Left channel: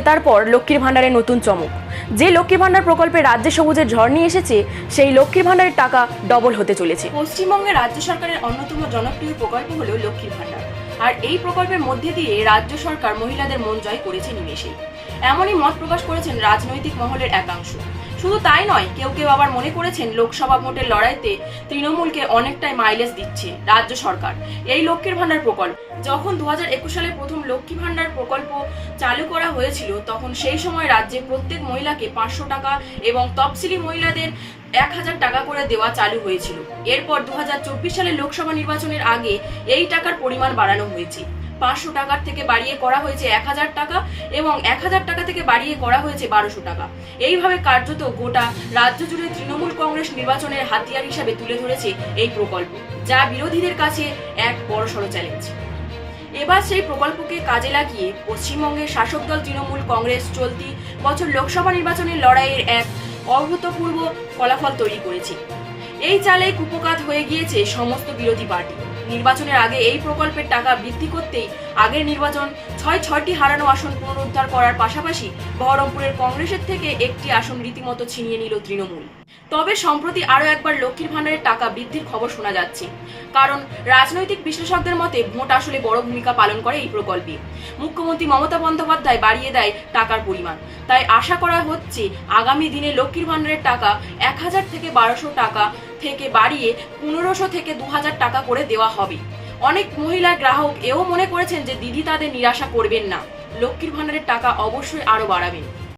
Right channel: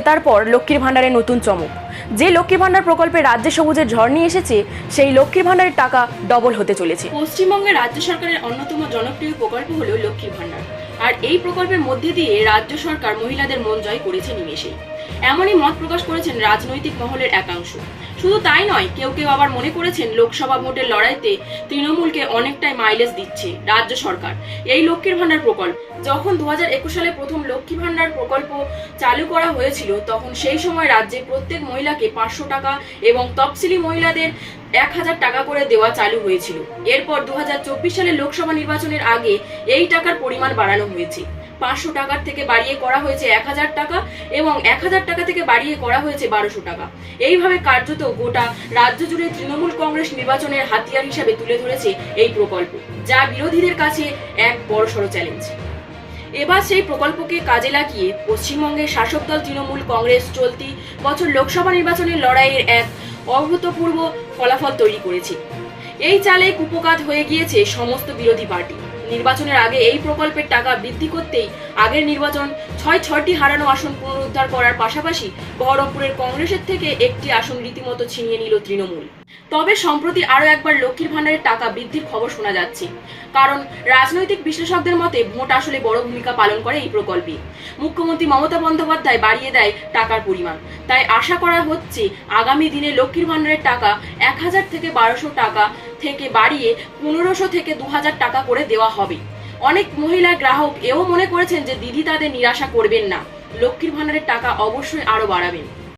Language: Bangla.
পর লক্ষ্মীর ভাণ্ডারে নতুন চমক। যে লক্ষ্মীর ভাণ্ডার প্রকল্পে রাজ্যে সবুজের ঝড় নিয়ে এসেছে, সেই লক্ষ্মীর ভাণ্ডারের টাকা ডবল হতে চলেছে। পশ্চিমবঙ্গে রাজ্য সরকারের অন্যতম জনপ্রিয় প্রকল্প হল লক্ষ্মীর ভাণ্ডার। আর এই প্রকল্পের মধ্যে দিয়ে রাজ্য সরকার মহিলাদের মন জয় করেছে নিমেষেই। এমনই মত প্রকাশ করেছেন রাজনৈতিক মহলের একাংশ। শুধু তাই নয়, কেউ কেউ আবার মনে করেছেন লোকসভা ভোটের লড়াইতে তৃণমূলকে অনেকটাই মাইলেজ দিচ্ছে রাজ্য সরকার। এই লক্ষ্মীর ভাণ্ডার প্রকল্প। যখন দুহাজার একুশ সালে প্রথম লক্ষ্মী ভাণ্ডার প্রকল্প চালু করা হয়েছিল, তখন সেই সময় রাজ্যে প্রত্যেক মহিলাকে পাঁচশো টাকা এবং তফসিলি মহিলাদের এক হাজার টাকা করে দেওয়া চালু হয়েছিল। এরপর দু সালে লোকসভা নির্বাচনের আগে এই টাকার পরিমাণ বাড়ানো হয়েছে। পাঁচশো টাকার থেকে বাড়িয়ে করা হয়েছে এক হাজার টাকা এবং এক হাজার টাকা থেকে বাড়িয়ে করা হয়েছে বারোশো টাকা। এইভাবে কার্যত গোটা রাজ্য জুড়ে তৃণমূল কংগ্রেস নির্বাচনের হাতিয়ার হিসাবে তুলে ধরেছে এই প্রকল্প, যা বিরোধীদের কাছে এক বড়সড় চ্যালেঞ্জ এবার সেই প্রকল্পকে কাজে লাগিয়ে পশ্চিমবঙ্গের শাসক দল তৃণমূল কংগ্রেস চলতি বছর লোকসভা নির্বাচনের লড়াইয়ের এক অভূতপূর্ব ফলাফল তৈরি করেছে। এই চালে কুপকাত হয়ে গিয়েছে সমস্ত বিরোধী পার্টি। নির্বাচনের আগে এই প্রকল্পের টাকা বৃদ্ধি করতেই আগের নির্বাচন ছয় ছয়টি হারানো আসন পুনরুদ্ধার করার পাশাপাশি বহরমপুরের কংগ্রেসের থেকে একটি আসন রীতিমতো ছিনিয়ে নিল তৃণমূল। তবে সম্প্রতি আরও একবার লক্ষ্মীর ভাণ্ডারের টাকা বৃদ্ধির খবর শোনা যাচ্ছে। কারণ রাজনৈতিক বিশ্লেষকদের মতে ভোট আসলে বড় ভূমিকা পালন করে এই প্রকল্পে। মুখ্যমন্ত্রী মমতা বন্দ্যোপাধ্যায় বাড়িয়ে দেয় টাকার পরিমাণ। তাই আশা করা হচ্ছে আগামী দিনে লক্ষ্মীর ভাণ্ডারের টাকা এক হাজার থেকে বারোশো টাকা থেকে বাড়িয়ে পনেরোশো থেকে দু হাজার টাকা করে দেওয়া হবে। অনেক মহিলা গ্রাহক এও মনে করেছেন যে দিদি তাদের নিরাশা করবেন না। লক্ষ্মীর ভাণ্ডারের টাকা অবশ্যই আরও বাড়াবেন।